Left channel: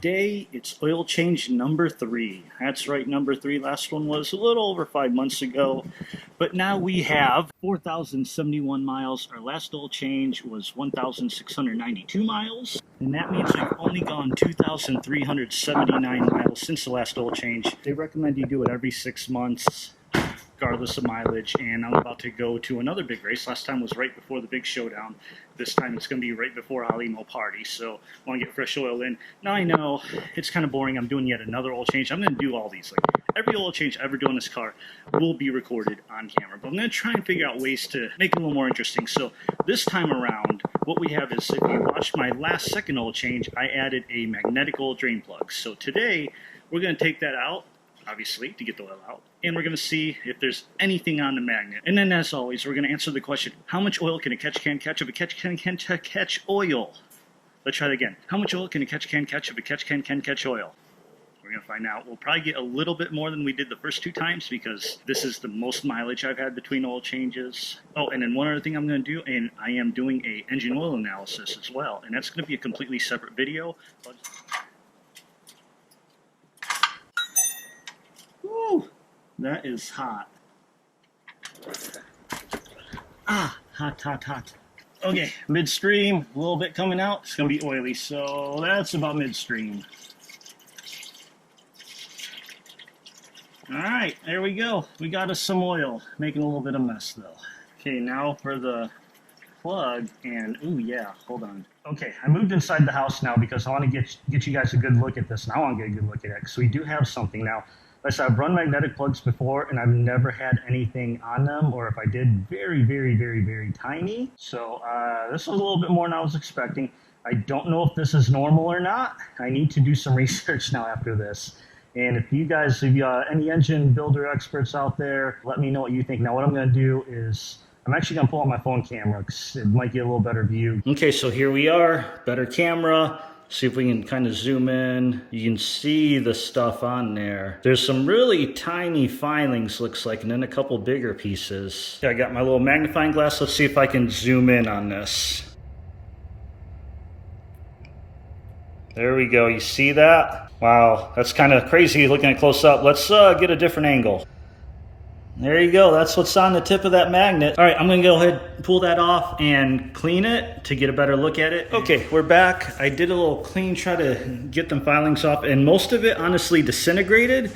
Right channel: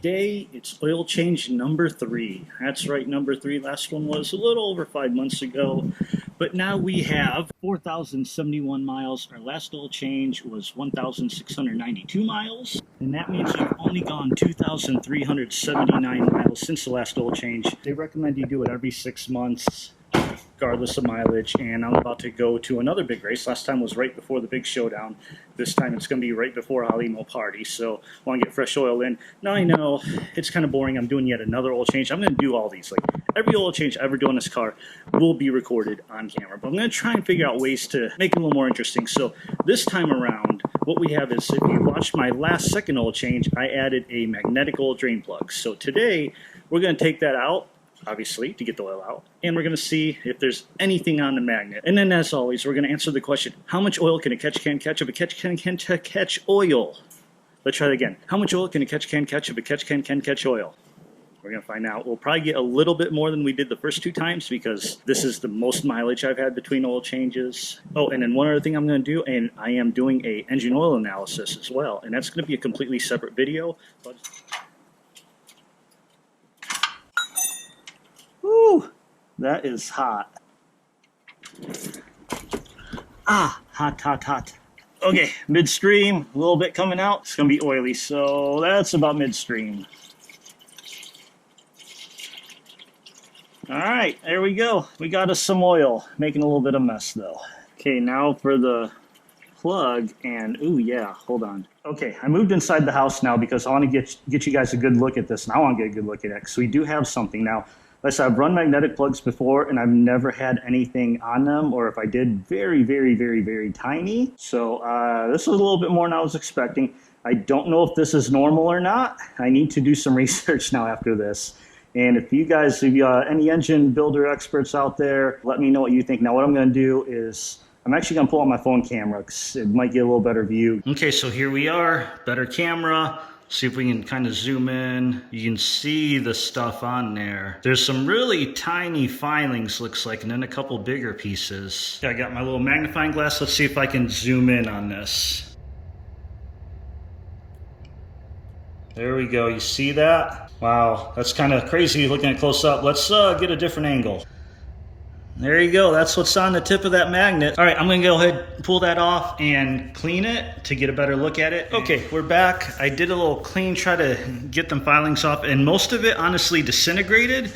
today it's oil change number 3. That's right, number 3. Last one was a little over 5 months ago. But now we have 4,071 miles. Our last oil change was 1,692 miles. And that means we've only gone 2,379 miles since the last oil change. They recommend you do it every 6 months, regardless of mileage. And I'm about to go to another big race. Last time was right before the big showdown. This time it's going to be right before Halimo party. So I want to get fresh oil in. Now I know it's kind of boring. I'm doing yet another oil change. I'm going to do all these. Like every oil change I ever do on this car will be recorded on camera. But I'm going to try and figure out ways to make it a little more interesting. So this time around, what we have is, if you watched my last second oil change, I added a magnetic oil drain plug. So today we're going to take that out, obviously, to get the oil out. And we're going to see if there's anything on the magnet. And then, as always, we're going to answer the question, how much oil can a catch can catch if a catch can catch oil? Let's try that again. How much oil can a catch can catch if a catch can catch oil? We're going to find out. We'll probably get a little bit more than we did the first 2 times because this is the most mileage I've had between oil changes. Oh, and then one other thing I'm going to do, and I am doing a engine oil analysis as well. And that's going to be a completely separate video. Woo! That is hot. Hot. Okay, midstream, a little bit coming out. It's going to be oily, so that's about midstream. All right, there we go. We got us some oil, making a little bit of mess though. Okay, now for the plug, and ooh yeah, hold on. Okay, I moved inside the house now because I want to get you guys a good look at this, and I want to get a good look at it. So we do have something now. Like I said, I've run magnetic plugs before, and I've never had anything on them, or if I did, very, very, very, very tiny. So this was a little bit more than I was expecting. I don't know if this is normal or not. I need to do some research now after this. And if you guys, if you any engine builder experts out there, let me know what you think. Now, what I'm going to do is I'm actually going to pull on my phone camera because it might get a little better view. Okay, so here we are, better camera. See if we can kind of zoom in. You can see the stuff on there. There's some really tiny filings, looks like, and then a couple bigger pieces. I got my little magnifying glass. Let's see if I can zoom in on this. There we go. You see that? Wow, that's kind of crazy looking at close up. Let's get a different angle. There you go. That's what's on the tip of that magnet. All right, I'm going to go ahead and pull that off and clean it to get a better look at it. Okay, we're back. I did a little clean, try to get them filings off, and most of it honestly disintegrated.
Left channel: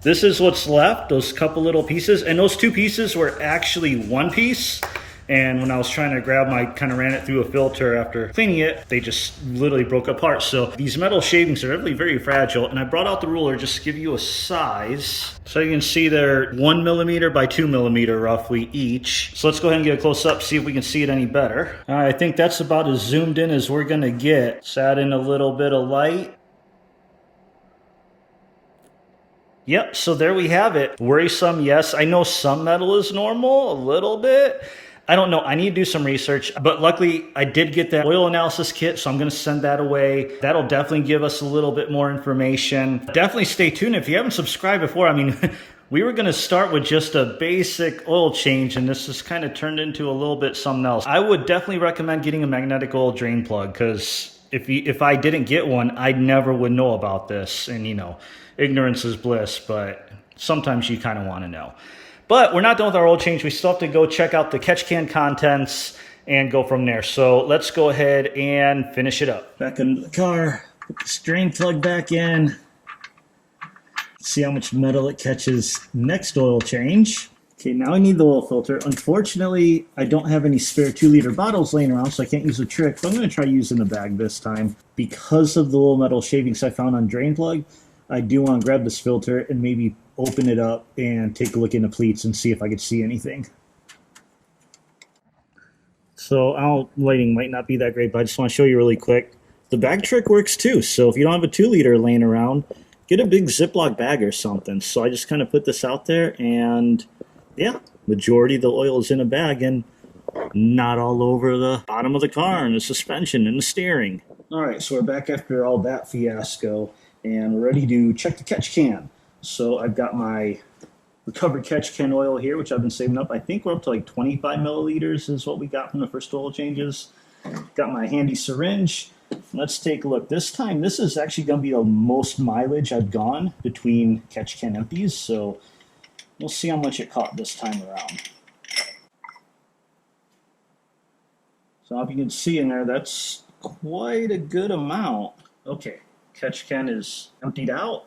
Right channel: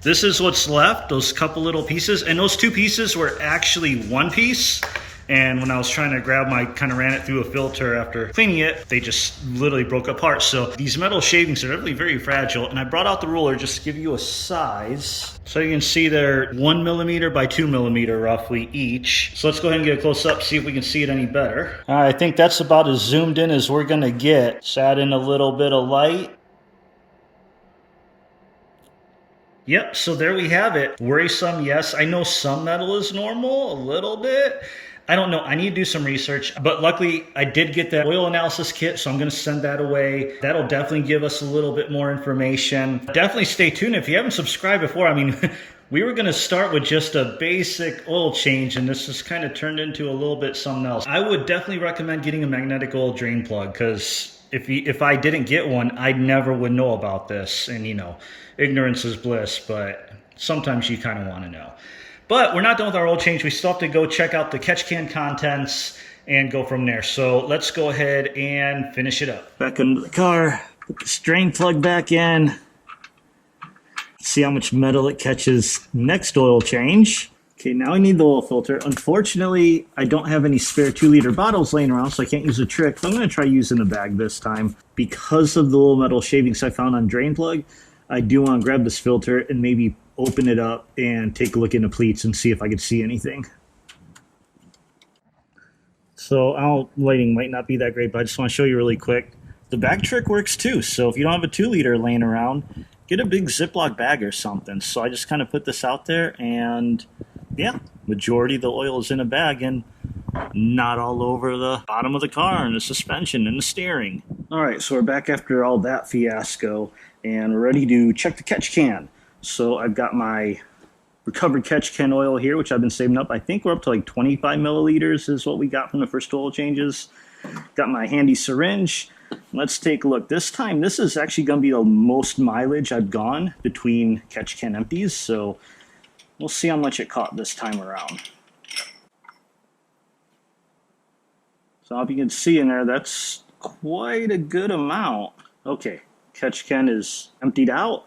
This is what's left, those couple little pieces, and those 2 pieces were actually 1 piece. And when I was trying to grab kind of ran it through a filter after cleaning it, they just literally broke apart. So these metal shavings are really very fragile. And I brought out the ruler just to give you a size. So you can see they're 1 millimeter by 2 millimeter roughly each. So let's go ahead and get a close up, see if we can see it any better. I think that's about as zoomed in as we're gonna get. Just add in a little bit of light. Yep, so there we have it. Worrisome, yes. I know some metal is normal, a little bit. I don't know. I need to do some research, but luckily I did get that oil analysis kit, so I'm going to send that away. That'll definitely give us a little bit more information. Definitely stay tuned. If you haven't subscribed before, I mean, we were going to start with just a basic oil change, and this has kind of turned into a little bit something else. I would definitely recommend getting a magnetic oil drain plug, because if I didn't get one, I never would know about this. And, you know, ignorance is bliss, but sometimes you kind of want to know. But we're not done with our oil change. We still have to go check out the catch can contents and go from there. So let's go ahead and finish it up. Back into the car, put the drain plug back in. See how much metal it catches next oil change. Okay, now I need the oil filter. Unfortunately, I don't have any spare 2-liter bottles laying around, so I can't use a trick. So I'm going to try using the bag this time. Because of the little metal shavings I found on drain plug, I do want to grab this filter and maybe open it up and take a look in the pleats and see if I could see anything. So lighting might not be that great, but I just want to show you really quick. The bag trick works too. So if you don't have a 2-liter laying around, get a big Ziploc bag or something. So I just kind of put this out there, and yeah, majority of the oil is in a bag and not all over the bottom of the car and the suspension and the steering. All right, so we're back after all that fiasco, and we're ready to check the catch can. So I've got my recovered catch can oil here, which I've been saving up. I think we're up to like 25 milliliters is what we got from the first oil changes. Got my handy syringe. I'm let's take a look. This time, this is actually going to be the most mileage I've gone between catch can empties, so we'll see how much it caught this time around. So if you can see in there, that's quite a good amount. Okay, catch can is emptied out,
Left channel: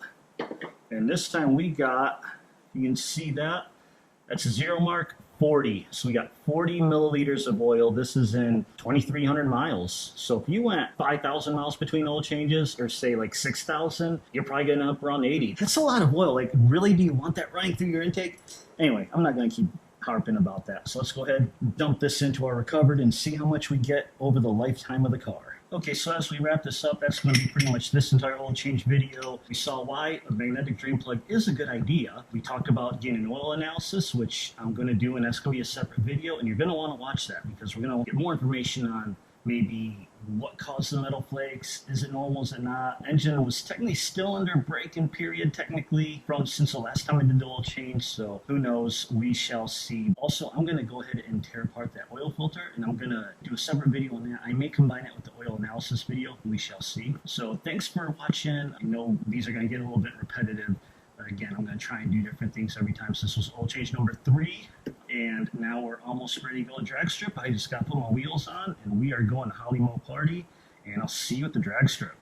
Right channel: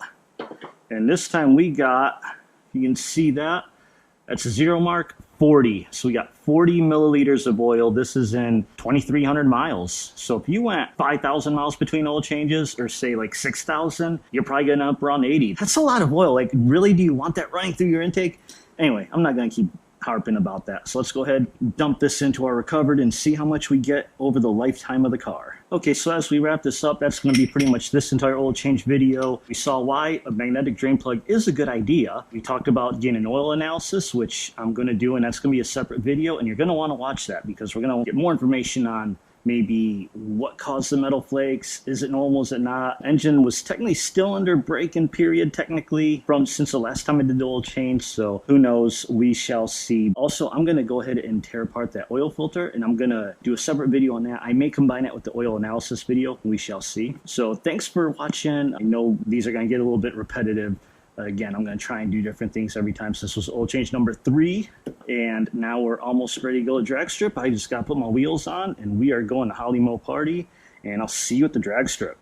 and this time we got, you can see that, that's a zero mark, 40. So we got 40 milliliters of oil. This is in 2,300 miles. So if you went 5,000 miles between oil changes, or say like 6,000, you're probably going to up around 80. That's a lot of oil. Like, really, do you want that running through your intake? Anyway, I'm not going to keep harping about that. So let's go ahead, dump this into our recovered and see how much we get over the lifetime of the car. Okay, so as we wrap this up, that's going to be pretty much this entire oil change video. We saw why a magnetic drain plug is a good idea. We talked about getting an oil analysis, which I'm going to do, and that's going to be a separate video, and you're going to want to watch that because we're going to get more information on maybe what caused the metal flakes. Is it normal? Is it not? Engine was technically still under break-in period, technically, since the last time I did the oil change. So who knows? We shall see. Also, I'm going to go ahead and tear apart that oil filter, and I'm going to do a separate video on that. I may combine it with the oil analysis video. We shall see. So thanks for watching. I know these are going to get a little bit repetitive. Again, I'm going to try and do different things every time. So this was oil change number 3, and now we're almost ready to go to drag strip. I just got to put my wheels on, and we are going to Holly Mo Party, and I'll see you at the drag strip.